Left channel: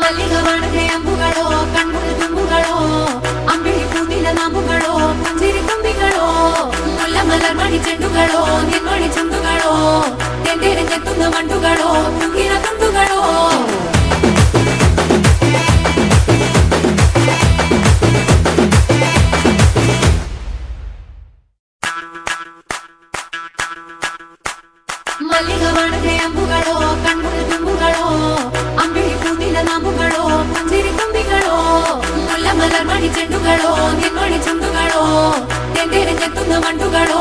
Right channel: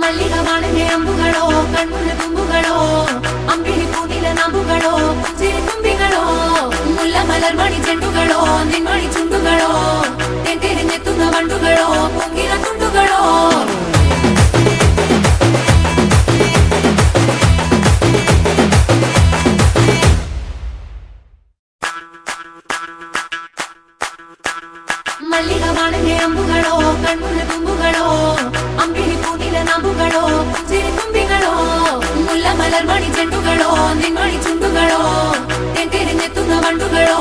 മല്ലിക വാണന്റെ അമ്പുകളോ കണ്ണുകൾ തുമ്പുകളോ അമ്പിളി പൂനില നാമ്പുകളോ പുഞ്ചിരി തുമ്പികളോ മുല്ല മലർമണി ചെണ്ടുകളോ നിന്മണി ചുണ്ടുകളോ തെണ്ടെറിഞ്ഞെത്തുന്ന വണ്ടുകളോ പൂങ്കിന കുണ്ടുകളോ മല്ലിക വാണന്റെ അമ്പുകളോ കണ്ണുകൾ തുമ്പുകളോ അമ്പിളി പൂനില നാമ്പുകളോ പുഞ്ചിരി തുമ്പികളോ മുല്ല മലർമണി ചെണ്ടുകളോ നിന്മണി ചുണ്ടുകളോ തെണ്ടെറിഞ്ഞെത്തുന്ന വണ്ടുകളോ